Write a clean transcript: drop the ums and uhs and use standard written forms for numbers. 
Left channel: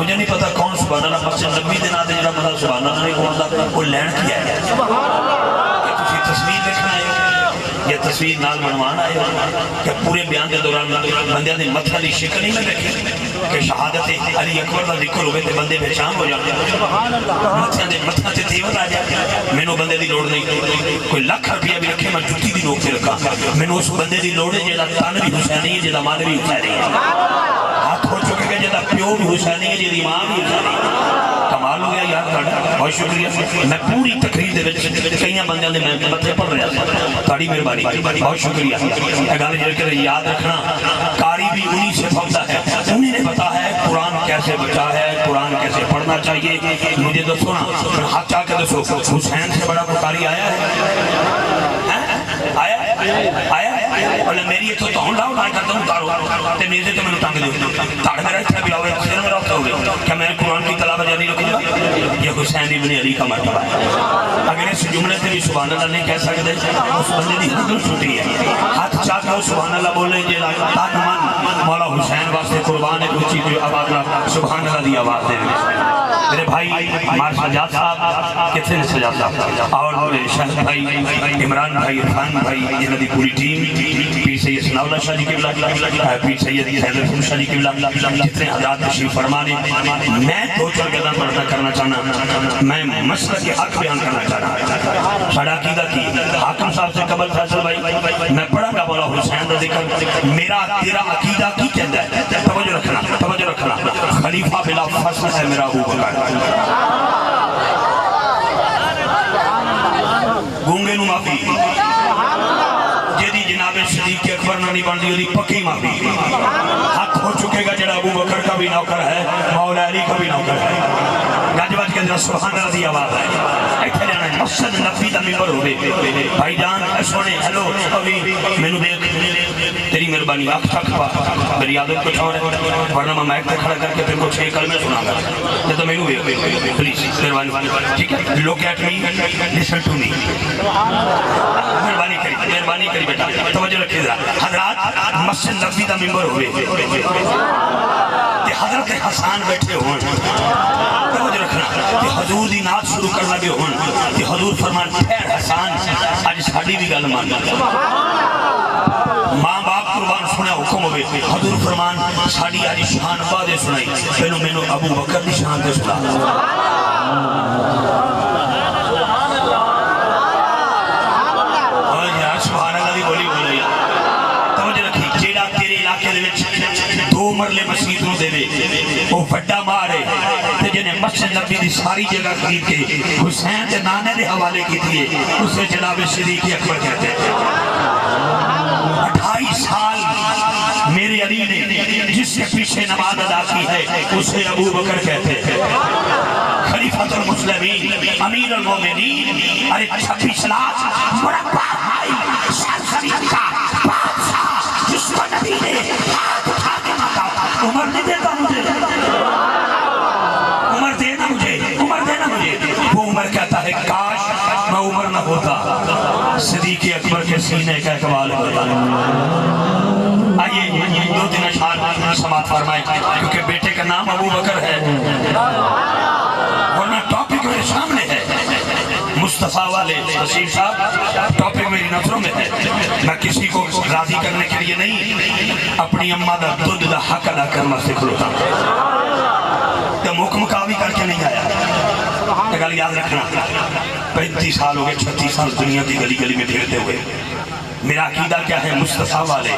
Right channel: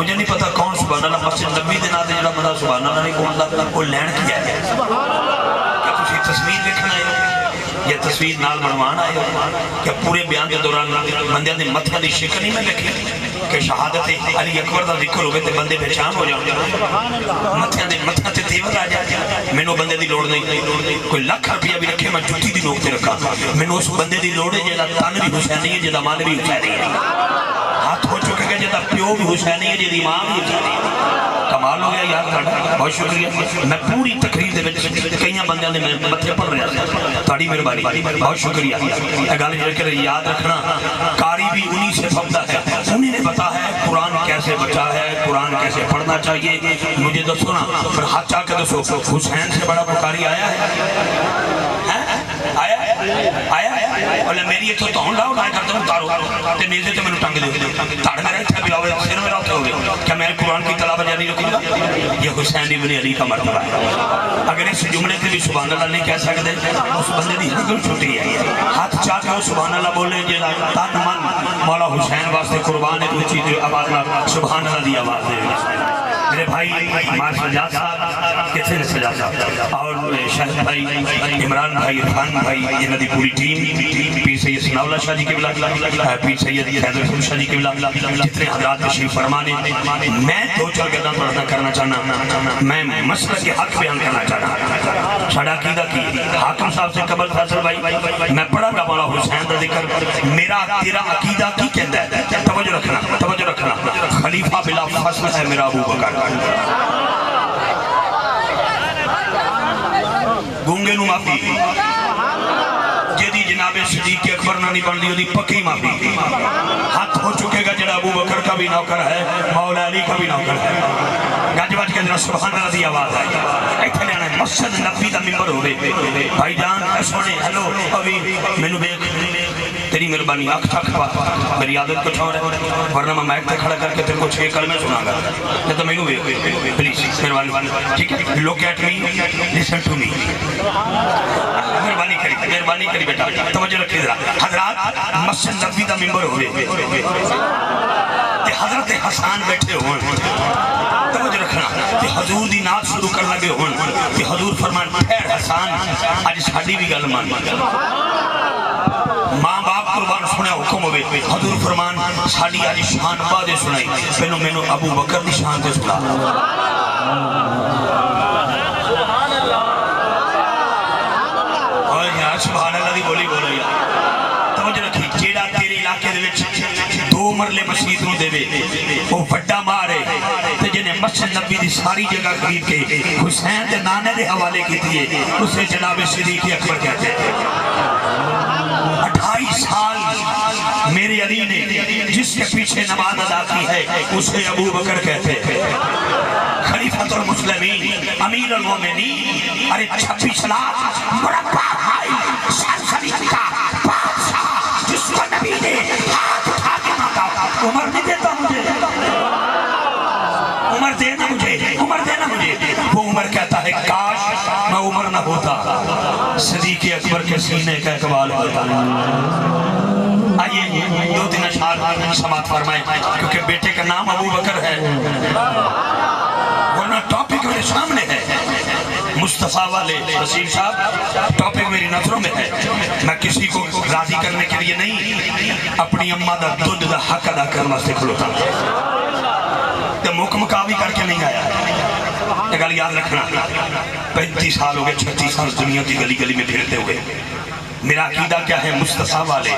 مجھے نہیں پتا کون سبحان اللہ مسجد نبی دے ناتے جڑا بندہ سبحان اللہ نہیں بولتا وہ لین کیا ہے کہ تسی تصویر دیکھنا ہے یا تصویر نال بنوان آئے ہو کہ پورے بیان کے دوران بندیاں دے متھا دی شکل نہیں میں دیکھی کہ شہادت علی اکبر دا ذکر ہوئے تے بندے پہچان ہو جاتے متھا تے تیور آ جاتے میں نو بندے دی لوڑ نہیں کوئی لاکھ روپیہ بھی رکھے میں جھوٹی دی نوک تے رکھا میں نو اس بندے دی لوڑ ہے جیدہ تن بھی حسینی ہے جیدہ مان بھی حسینی ہے ہاتھ ہو چکے کہ جیدہ پیو بھی حسینی ہے جیدہ امام بھی حسینی ہے کمال ہو گیا یار بہت شکریہ میں پوری تقریر دے وچ کئیاں بندیاں دے میں متھے پڑھ رہا تھا تاڑی مہربانی بہت شکریہ گل جڑ کے یاد رکھنا قاری بھی انہی سے پڑھتا ہے انہی نے بتا ہے قرآن کیسے بچا ہے قرآن کیسے پڑھنا چاہیے مجھے دسو نا پھر ہاتھ چاہ کے دسو حسین سے بڑا قاری آیا ہے آیا بولے میری تو ہوں لاؤ نہ کرتا ہوں تارو تے نیزے تے میں ٹنگ دیو تاڑ میرا اتھا بھی آوے سر میرا اتھا ہوگے کیا میں قرآن کی تلاوت جاری رکھوں گا یہ حسین ابن علی کا مرتبہ ہے اگر اس جملے تے بھی سبحان اللہ نہیں کہہ سکتے اس بندے دی حد چھوٹی ہے ہاتھ چاہ کے سبحان اللہ بولے جے تن من مولا حسین واسطے قربان ہے اونچی تے آواز سبحان اللہ دی آواز دے میرے بھائی ہمارے سجاد صاحب کتنے سجاد صاحب اور شاہد بھائی عمران بھائی عرفان بھائی یہ ندی پوری ٹیم پیر سید ثناء اللہ شاہ جی کے بلا پیر سید حیدر خان شاہ جی کے بلا جتنے حضرات تشریف فرمانے میں دو چار گداں پردہ کرنا چاہنا میں مسئلہ کے حق بیان کرنا چاہنا ساڑھا عقیدہ کی حاکم صاحب سے قبل فیصل بھائی میں پڑھا گا مولا حسین دا ذکر میرا تیرا عقیدہ کی کہتا ہے توجہ رکھنا خلیفہ بلا فصل ہے میرا ابو بکر گونگے نو معافی جیدی جناب صدیق اکبر نہ نہیں بن دی ہوئی پکی معافی ہاتھ ہو چکے گا جڑا ابو بکر کا بھی نوکر ہے مولا علی کا بھی نوکر ہے گاج باج کے اندر سبحان اللہ دی آواز ہے ایتھے لینا مسجد نبی دا ممبر ہوئے بھائی جان سونے ہلو ابھی میں نو دیکھ تیری مہربانی آنکھ تک پا میری عادت کچھ اور ہے ورنہ میں مائک تے کھڑا کر کے تیرے کو 6 کلمے سنا گا نہیں تو میں نو پلیز مہربانی ٹھیک ہے look at me listen to me مہربانی کری بیٹا توجہ رکھیں ذرا حضرات مسجد نبی دا ممبر ہوئے تے حضرت حسان بیٹھے ہون توجہ رکھنا تے حضور دی نعت شروع کر لگے ہون تے حضور فرمان پھیر حسان آج ساڑی بھی گل مان ماں باپ قربان سنے حکم ہوئے حضور فرمان ساڑی آج شان بادے سنائی پہنو میں نے ابو بکر دی شان دے سنا سبحان اللہ دی بولی بول رہی توجہ رکھی جیڑا تیرے علاقے دے وچ 2 مرلے مسجد نو دے وہ بڑا مارے تے جنہیں مسجد نبی دی ساری جگہ خرید کے حسین تے نانے دے حوالے کی تھی اسے جناب صدیق اکبر کہتے ہیں 28 سال میرے علی نے جس کے پیچھے نماز ادا کی ہے اسے ابو بکر کہتے ہیں خلیفۃ المسلمین امیر المومنین ارے 26 لاکھ بڑا بھائی سلطنت کا بادشاہ جس کو نبی نے ہاتھ اٹھا کے مانگا عمر نہیں دیتا مجھے عمر دینا مجھے وہ عمر کہتا ہے کاش میں عمر نہ ہوتا صدیق اکبر کے سینے کا اقبال ہوتا آئیے 2-3 اشعار سماعت فرمائیں کیونکہ بیٹے کا نام ابو بکر ہے ورنہ ٹاپک میرے سامنے ہے مصطفیٰ والے وسیم صاحب ٹاپک میری نظروں میں ہے میں کسی کو راضی کرنے کے لیے نہیں اپنی اماں دا دودھ دا حق ادا کرنا سے کھلوتا تو مکمکاوی کر کے نہیں آیا یہ گل یاد رکھنا 35 سال ہو گئے 36 سال دنیا کی گلی گلی میں پھرتے ہوئے میرا عقیدہ کیا ہے مصطفیٰ والے